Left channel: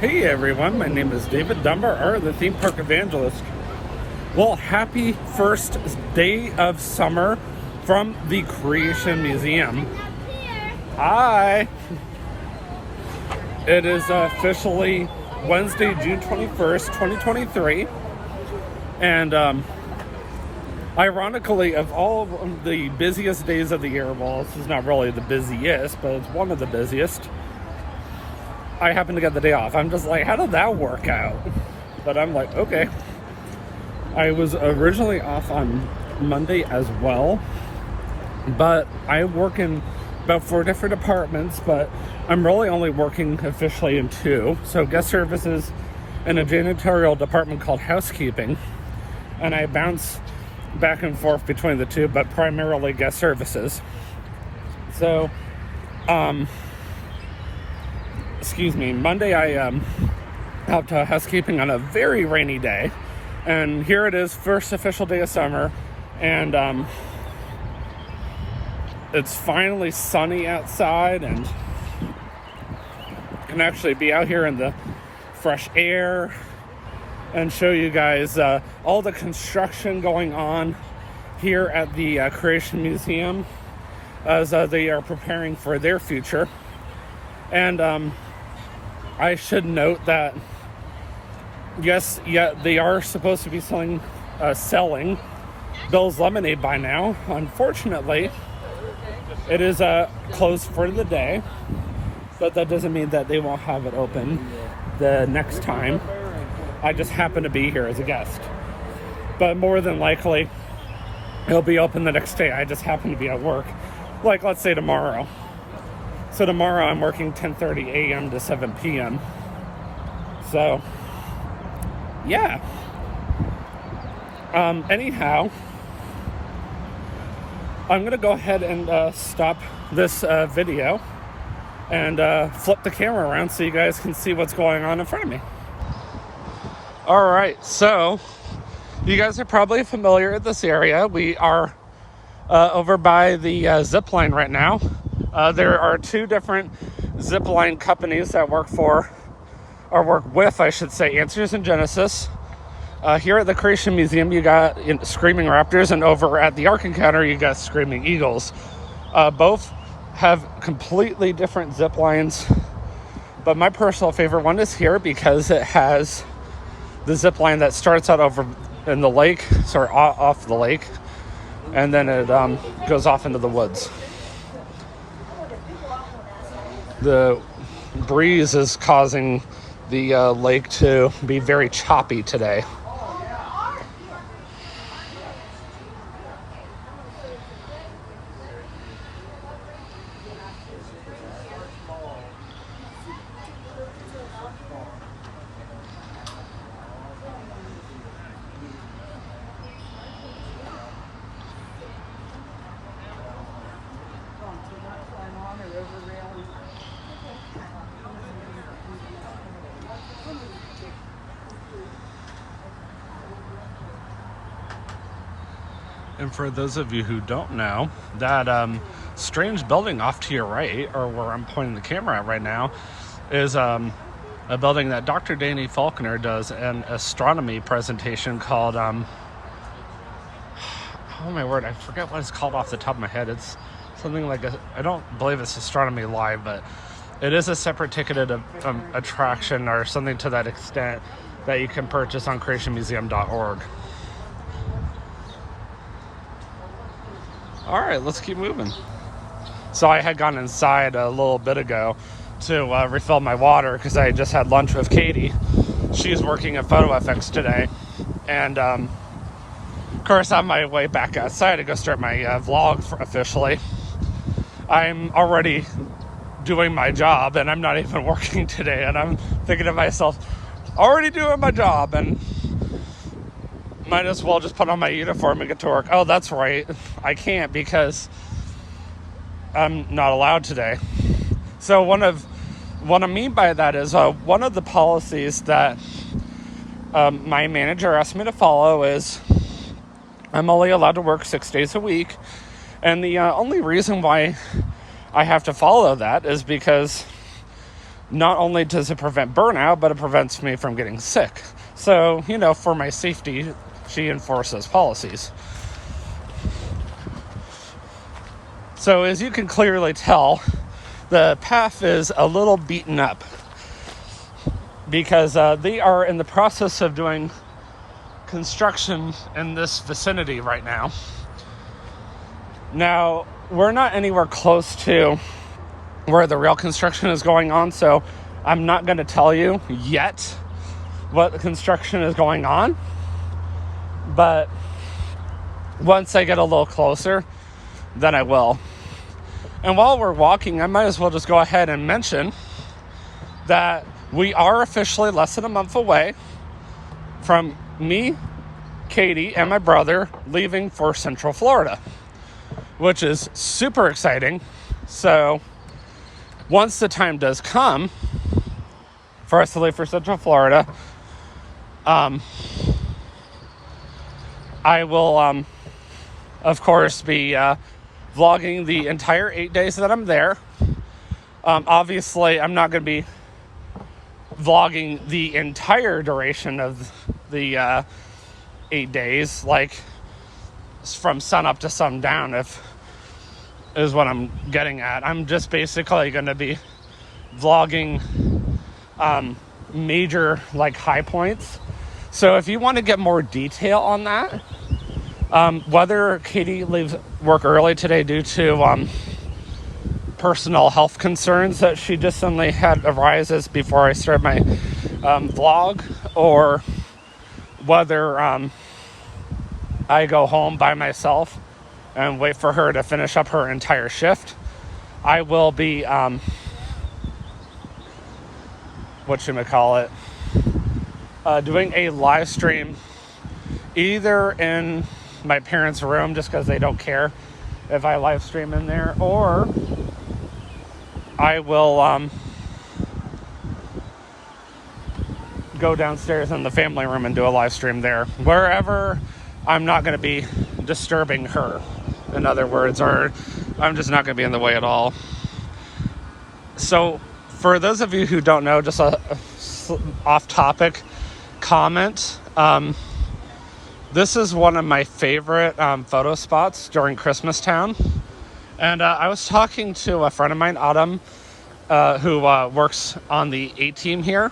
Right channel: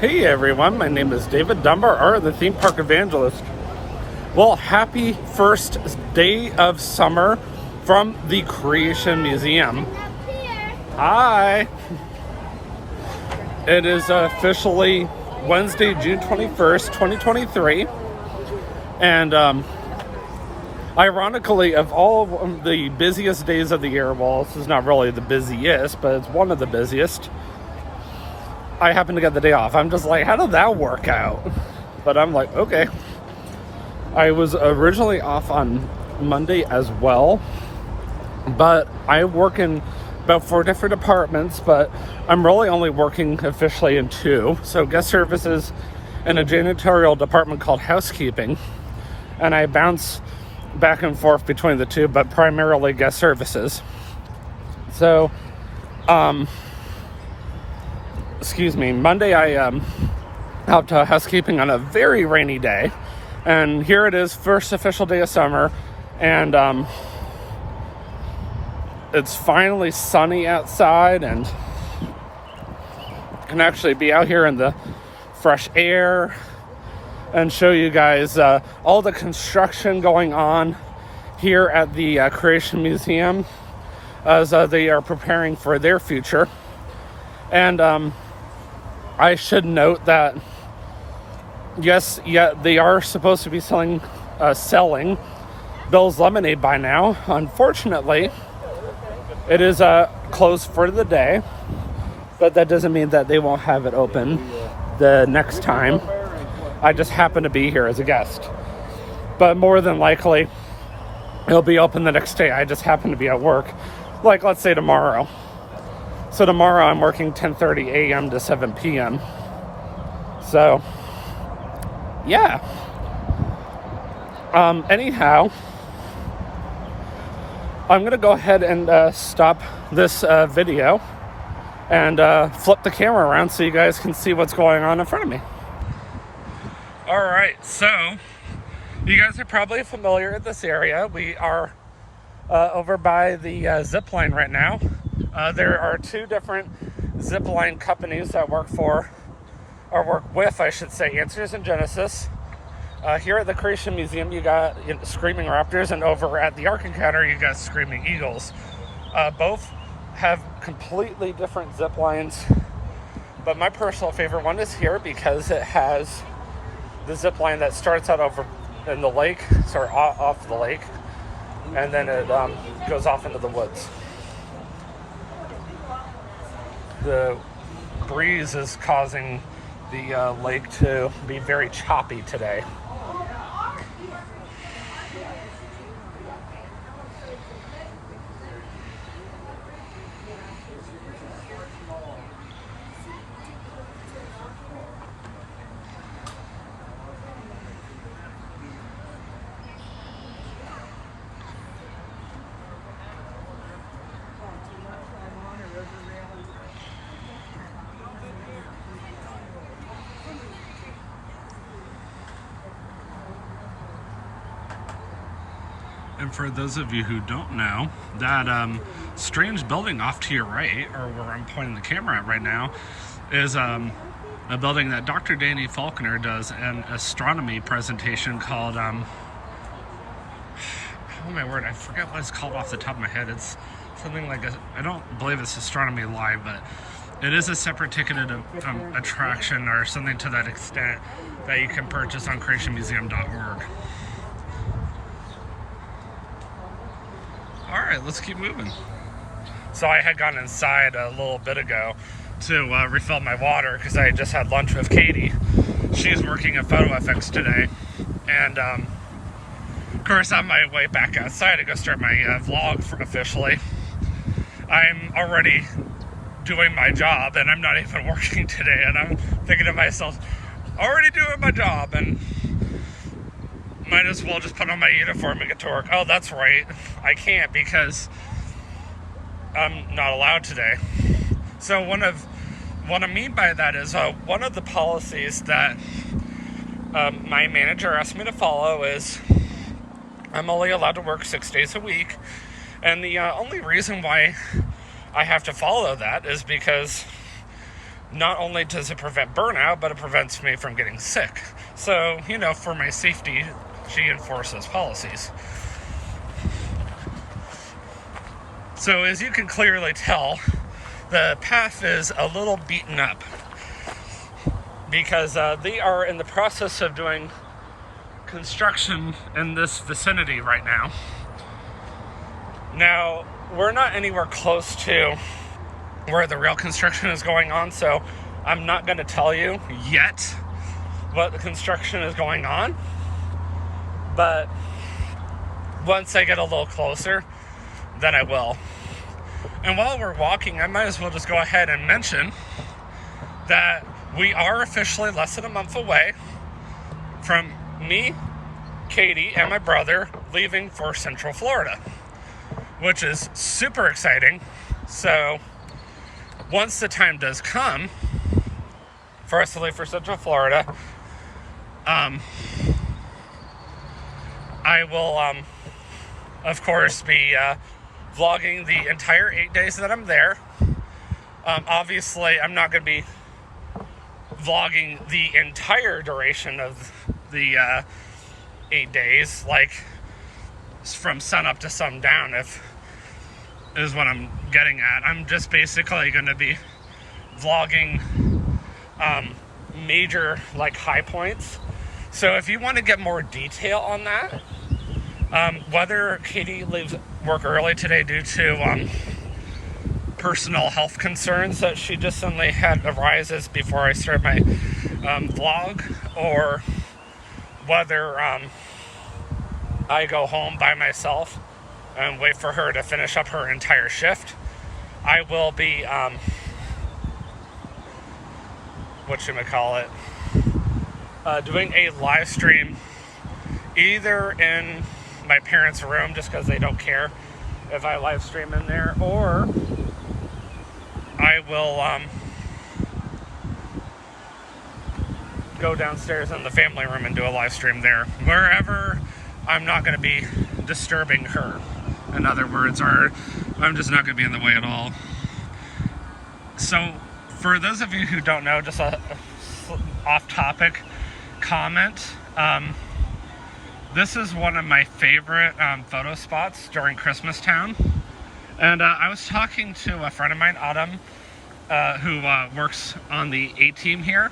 Hey everyone, my name is David Dunbar, the theme park evangelist. Well, happy first day of summer from the Creation Museum. Hi! It is officially Wednesday, June 21st, 2023. And ironically, of all of the busiest days of the year, well, this is not really the busiest, but it's one of the busiest, I happen to get the day off. I'm just like, how did that work out? But I'm like, okay. I was originally off on Monday as well, but I work in about 4 different departments, but I'm really only working officially in 2. So guest services and a janitorial department called housekeeping. And I bounce back and forth between the 2, but primarily guest services. So, Monday I helped housekeeping on a very rainy day, and here it is, first official day of summer, and it's finally sunny outside, and can actually be out here in the fresh air and show you guys all the construction going on here at the Creation Museum as they are preparing for their future. And I should note that, yes, they are supposed to be selling Bill's Lemonade by now. Unfortunately, it is closed for the day, but that doesn't mean that they won't have it open the next time. I just happen to be here as a guest. But more than likely, it'll be open the next day. I just happen to be at work, like let's say tomorrow. So tomorrow I'm working 10:30 a.m. to 7 p.m. So, yeah. Anyhow, I'm going to go ahead and stop this video and flip the camera around so you guys can see what's going on in front of me. All right, so you guys are probably familiar with this area. We are over by the zip line right now. There are 2 different zip line companies that work with, I should say, Answers in Genesis. Here at the Creation Museum, you got Screaming Raptors, and over at the Ark Encounter, you got Screaming Eagles. Both have completely different zip lines, but my personal favorite one is here because it has the zip line that starts out over in the lake, sort of off the lake, and then it goes off into the woods. The breeze is causing the lake to be very choppy today. And for those of you who don't know, that strange building off to your right, or where I'm pointing the camera at right now, is a building that Dr. Danny Faulkner does an astronomy presentation called, oh my word, I forget what it's called off the top of my head. It's something like, I don't believe it's Astronomy Live, but it is a separate ticketed attraction or something to that extent that you can purchase on creationmuseum.org. All right, let's keep moving. So I had gone inside a little bit ago to refill my water because I just had lunch with Katie. She's working at PhotoFX today. And of course, on my way back outside to go start my vlog officially, I'm already doing my job and I'm not even working today. And I'm thinking to myself, already doing my job, and might as well just put on my uniform and get to work. Oh, that's right. I can't because I'm not allowed today. So what I mean by that is one of the policies that my manager asked me to follow is I'm only allowed to work 6 days a week. And the only reason why I have to follow that is because not only does it prevent burnout, but it prevents me from getting sick. So, you know, for my safety, she enforces policies. So as you can clearly tell, the path is a little beaten up because they are in the process of doing construction in this vicinity right now. Now, we're not anywhere close to where the real construction is going on, so I'm not going to tell you yet what construction is going on. But once I get a little closer, then I will. And while we're walking, I might as well just go ahead and mention that we are officially less than a month away from me, Katie, and my brother leaving for Central Florida, which is super exciting. So once the time does come for us to leave for Central Florida, I will, of course, be vlogging the entire 8 days that I'm there. Obviously, I'm not going to be vlogging the entire duration of the 8 days, like from sun up to sundown, is what I'm getting at. I'm just basically going to be vlogging major, like, high points. So if you want to get more detail on that, whether Katie leaves work early today due to personal health concerns that she just suddenly had arises before I start my vlog, or whether I go home by myself and wait for her to finish up her entire shift, I will be doing a live stream either in my parents' room, just because they don't care if I live stream in there, or I will go downstairs in the family room and do a live stream there, wherever I'm not going to be disturbing her, in other words, or I'm just not going to be in the way at all. So for those of you who don't know, just a off-topic comment, this is one of my favorite photo spots during Christmas Town. And I was talking to a friend of mine, Autumn, who works on the A team here.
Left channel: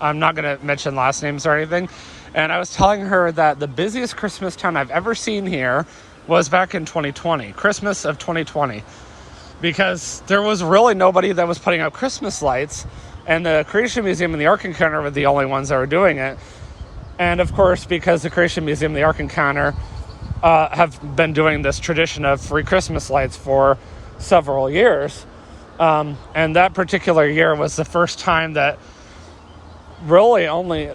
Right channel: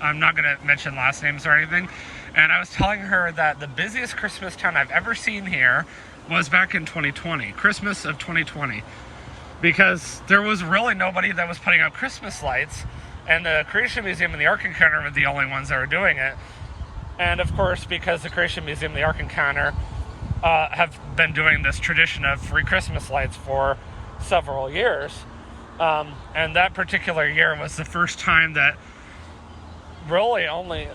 I'm not going to mention last names or anything. And I was telling her that the busiest Christmas Town I've ever seen here was back in 2020, Christmas of 2020. Because there was really nobody that was putting out Christmas lights. And the Creation Museum and the Ark Encounter were the only ones that were doing it. And of course, because the Creation Museum and the Ark Encounter have been doing this tradition of free Christmas lights for several years. And that particular year was the first time that really only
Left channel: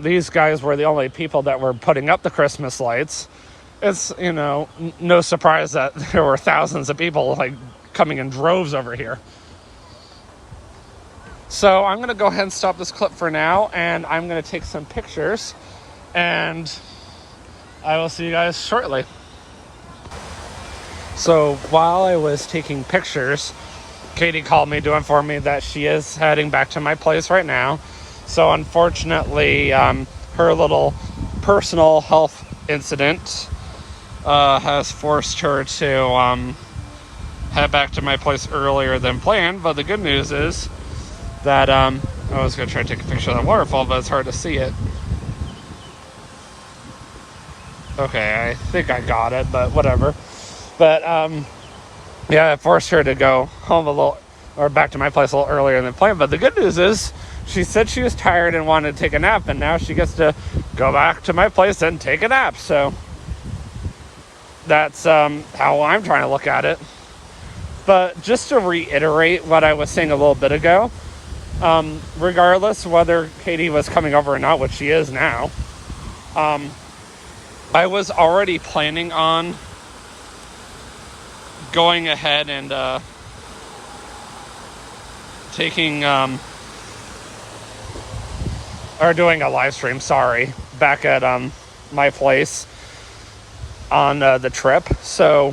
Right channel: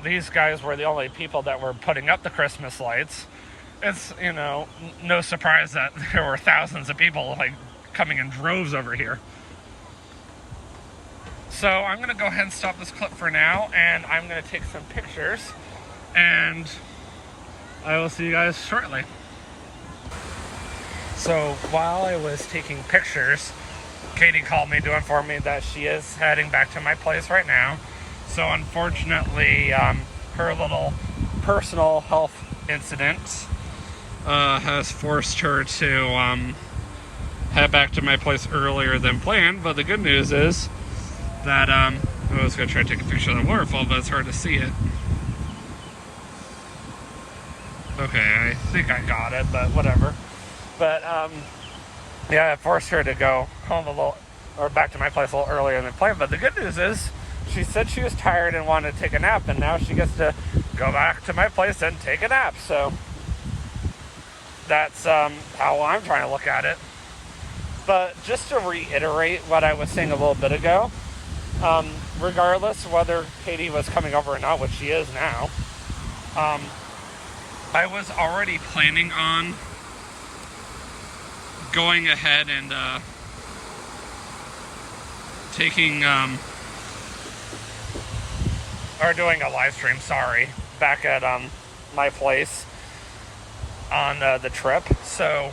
these guys were the only people that were putting up the Christmas lights. It's, you know, no surprise that there were thousands of people like coming in droves over here. So I'm going to go ahead and stop this clip for now, and I'm going to take some pictures, and I will see you guys shortly. So while I was taking pictures, Katie called me to inform me that she is heading back to my place right now. So unfortunately, her little personal health incident has forced her to head back to my place earlier than planned. But the good news is that I was going to try to take a picture of the waterfall, but it's hard to see it. Okay, I think I got it, but whatever. But yeah, I forced her to go home back to my place a little earlier than planned. But the good news is she said she was tired and wanted to take a nap, and now she gets to go back to my place and take a nap. So that's how I'm trying to look at it. But just to reiterate what I was saying a little bit ago, regardless whether Katie was coming over or not, which she is now, I was already planning on going ahead and doing a live stream, back at my place on the trip. So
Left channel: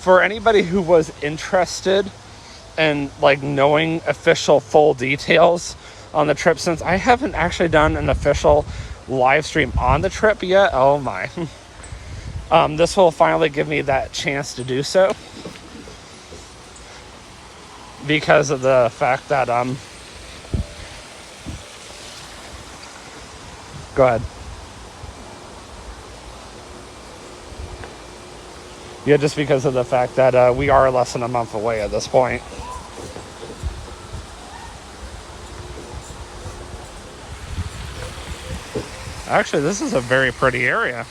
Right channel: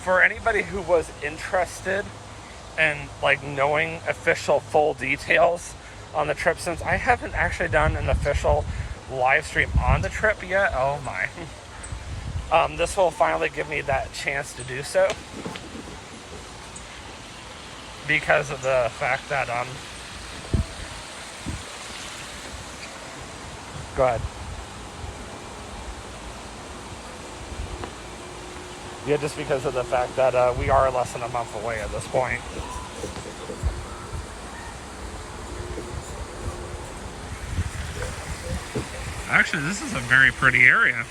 for anybody who was interested and like knowing official full details on the trip, since I haven't actually done an official live stream on the trip yet. Oh my. This will finally give me that chance to do so, because of the fact that go ahead. Yeah, just because of the fact that we are less than a month away at this point. Actually, this is a very pretty area.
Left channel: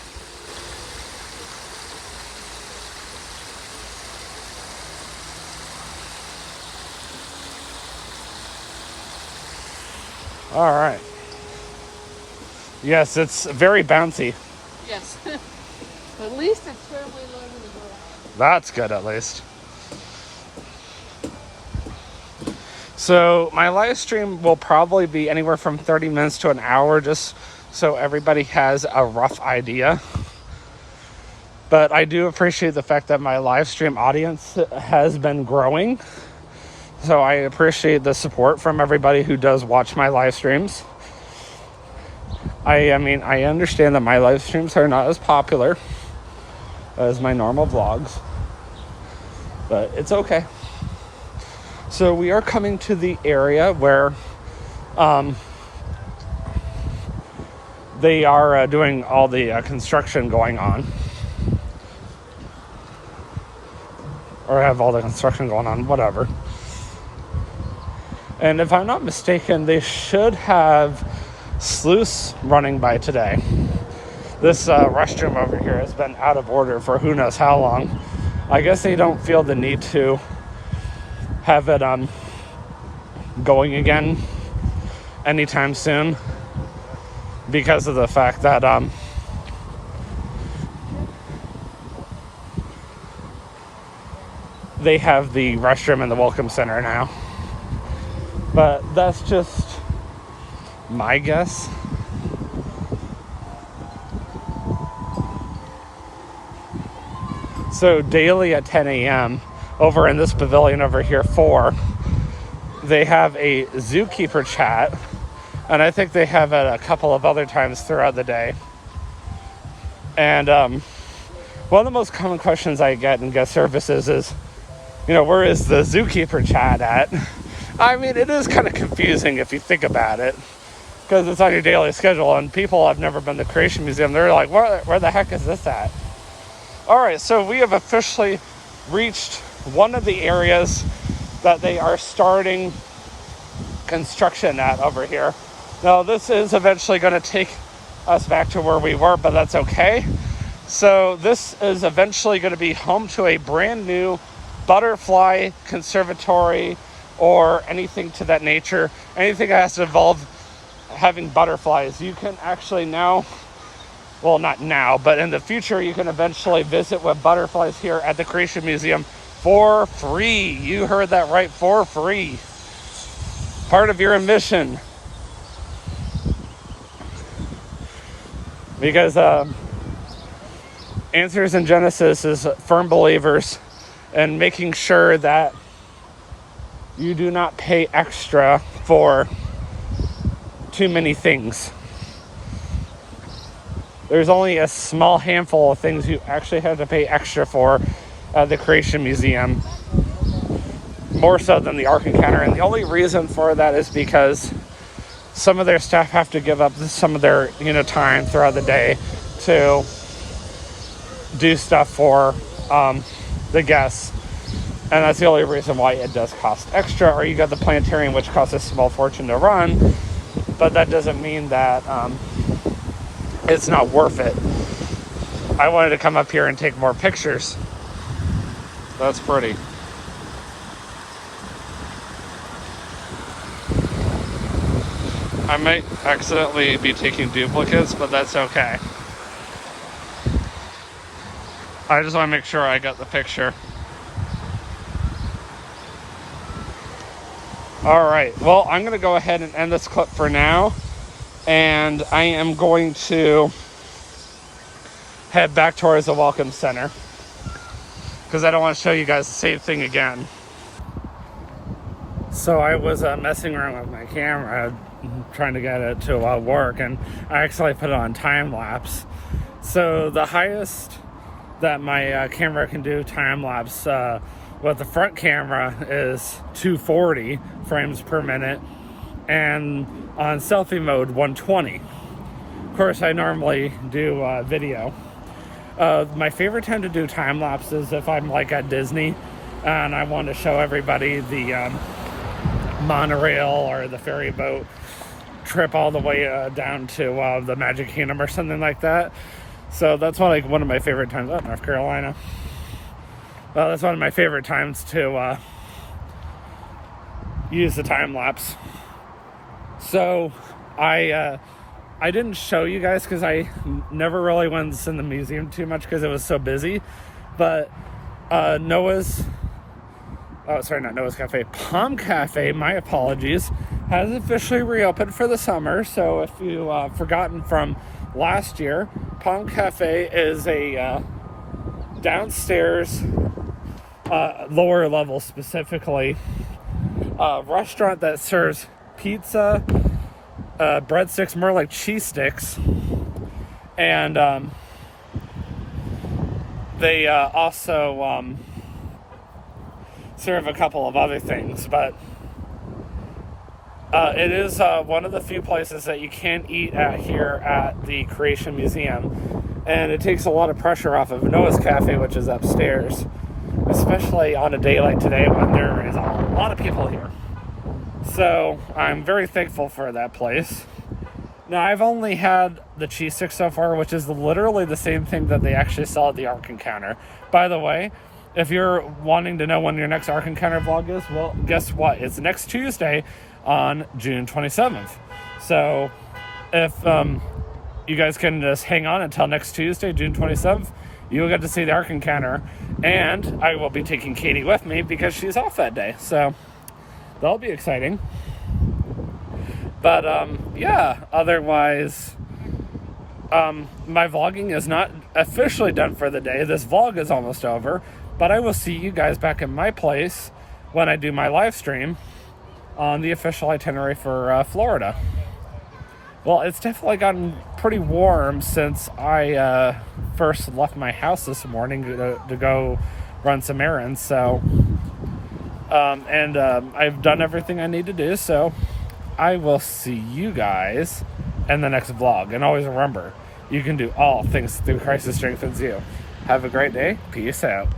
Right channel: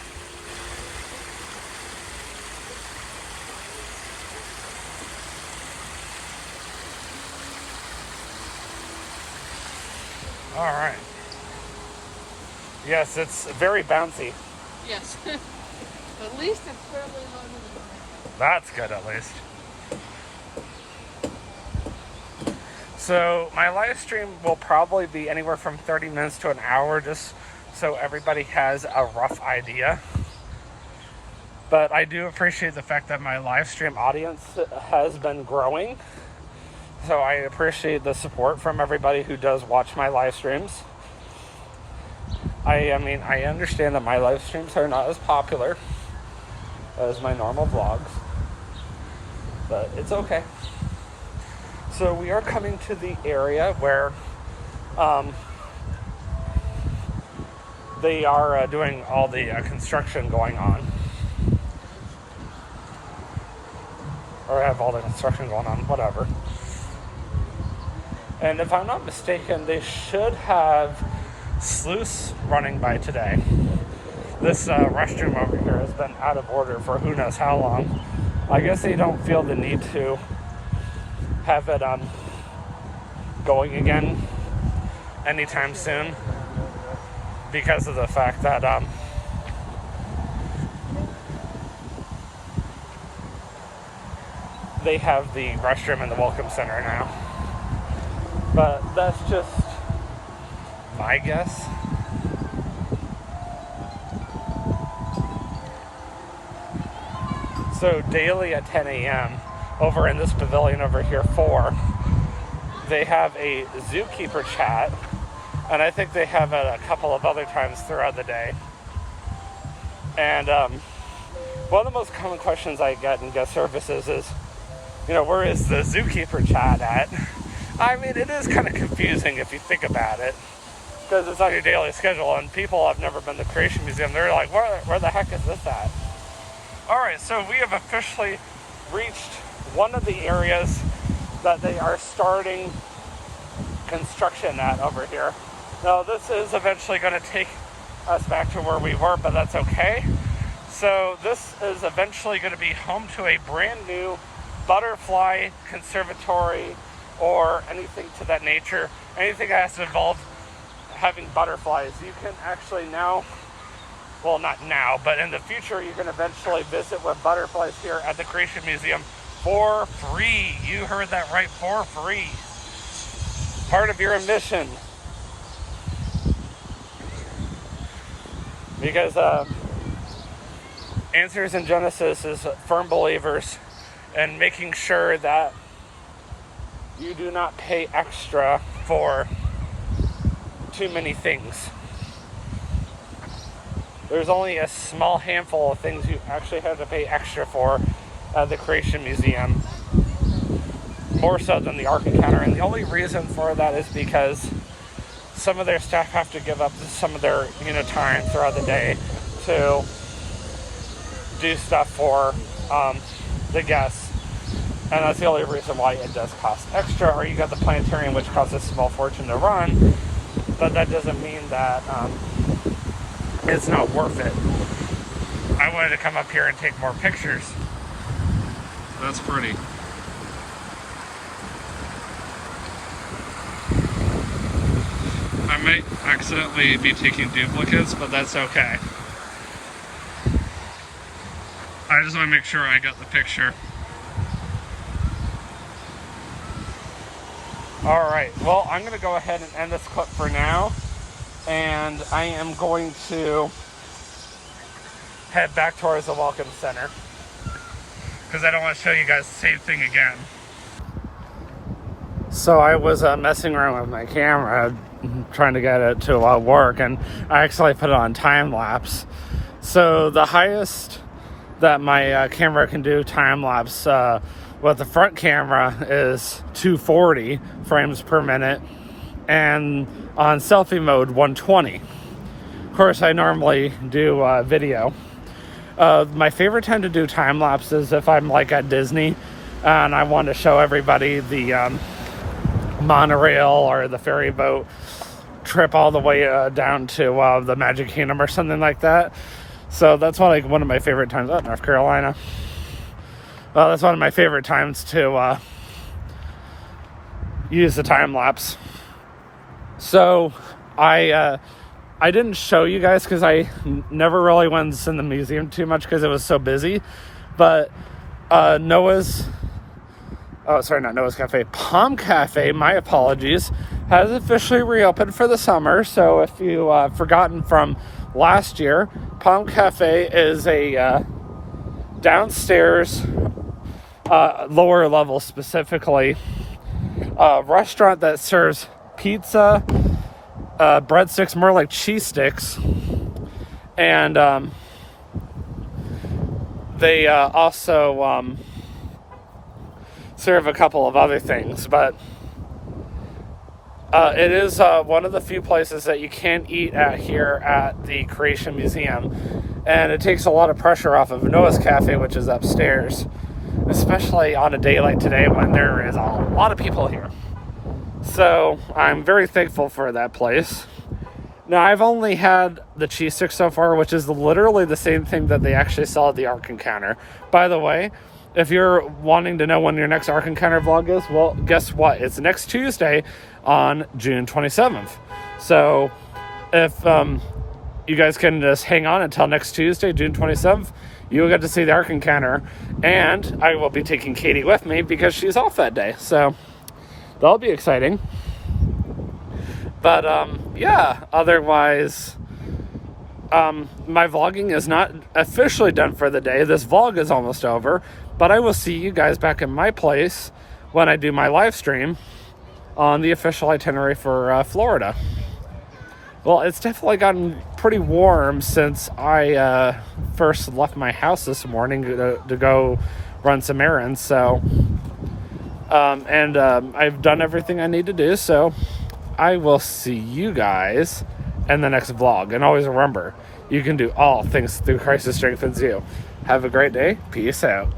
All right. Yes, it's very bouncy. Yes. At least it's fairly low to the ground. That's good, at least. So my live stream will probably be anywhere from 30 minutes to an hour, just so everybody has a rough idea. But I do appreciate the fact that my live stream audience has been growing. So I appreciate the support from everybody who does watch my live streams. I mean, I understand that my live streams are not as popular as my normal vlogs, but it's okay. So we are coming to the area where they are doing all the construction going on, or have all the construction going on, whatever. And if I'm not mistaken, they should have sluice running by today. This restroom over here has been out of order for who knows how long. I guess they don't feel the need to have it going again anytime soon, because of the fact that they have the restroom in the Welcome Center now. But that's just my guess. So daily at 10 a.m. over in this pavilion over here 4, they have a zookeeper chat, and I think they have it a couple of other times throughout the day. And one of the most common questions I get in guest services is, you know, where is the zookeeper chat at? I mean, it is kind of confusing if you think about it, because it's on your daily schedule, and people have never been to Creation Museum, they're like, where the heck is this at? All right, so we have officially reached one of the areas that they are starting construction at over here. Now, this is eventually going to take us back to where we were, but that's okay. So this is eventually going to be home to a brand new butterfly conservatory, or anything to that nature, anything that has to involve having butterflies. You can actually now, well, not now, but in the future, you can eventually visit with butterflies here at the Creation Museum for free. You heard that right, for free. Part of your admission. Because Answers in Genesis is firm believers in making sure that you do not pay extra for too many things. There's only a small handful of things you actually have to pay extra for at the Creation Museum, more so than the Ark Encounter. And the only reason for that is because some of their staff have to give up some of their time throughout the day to do stuff for the guests. And that's the only reason why it does cost extra. Or you got the planetarium, which costs a small fortune to run, but that doesn't mean that it's not worth it. I wanted to come up here and take more pictures. That's pretty. I might accidentally be taking duplicates, but that's okay. I just want to make sure I got the picture. All right, well, I'm going to go ahead and end this clip for now, and I am going to head back towards the Welcome Center, because I don't want to show you guys the same thing again. So I was messing around with my camera, trying to get it to work, and I actually put it on time lapse. So the highest that my camera can do time lapse with the front camera is 240 frames per minute, and on selfie mode 120. Of course, I normally do video. My favorite time to do time lapse is if I'm like at Disney and I want to show everybody the monorail or the ferry boat trip all the way down to the Magic Kingdom or something like that. So that's one of my favorite times. Oh, North Carolina. Well, that's one of my favorite times to use the time lapse. So I didn't show you guys because I never really went in the museum too much because it was so busy. But Noah's Cafe, Palm Cafe, my apologies, has officially reopened for the summer. So if you've forgotten from last year, Palm Cafe is a downstairs, lower level specifically, restaurant that serves pizza, breadsticks, more like cheese sticks, and they also serve a couple of other things, but it is one of the few places that you can't eat at here at the Creation Museum, and it takes a lot of pressure off of Noah's Cafe, which is upstairs, especially on a day like today when there is a lot of people here. So I'm very thankful for that place. Now, I've only had the cheese stick so far, which is literally the same thing that they actually sell at the Ark Encounter. By the way, if you're wanting to know when your next Ark Encounter vlog is, well, guess what? It's next Tuesday on June 27th. So if you guys can just hang on until next Tuesday, June 27th, you'll get to see the Ark Encounter. And I will be taking Katie with me because she's off that day. So that'll be exciting. But yeah, otherwise, my vlogging is not officially done for the day. This vlog is almost over, but I will see you guys back in my place when I do my live stream on the official itinerary for Florida. Well, it's definitely gotten pretty warm since I first left my house this morning to go run some errands. So, I've done everything I need to do. So I will see you guys in the next vlog. And always remember, you can do all things through Christ who strengthens you. Have a great day. Peace out.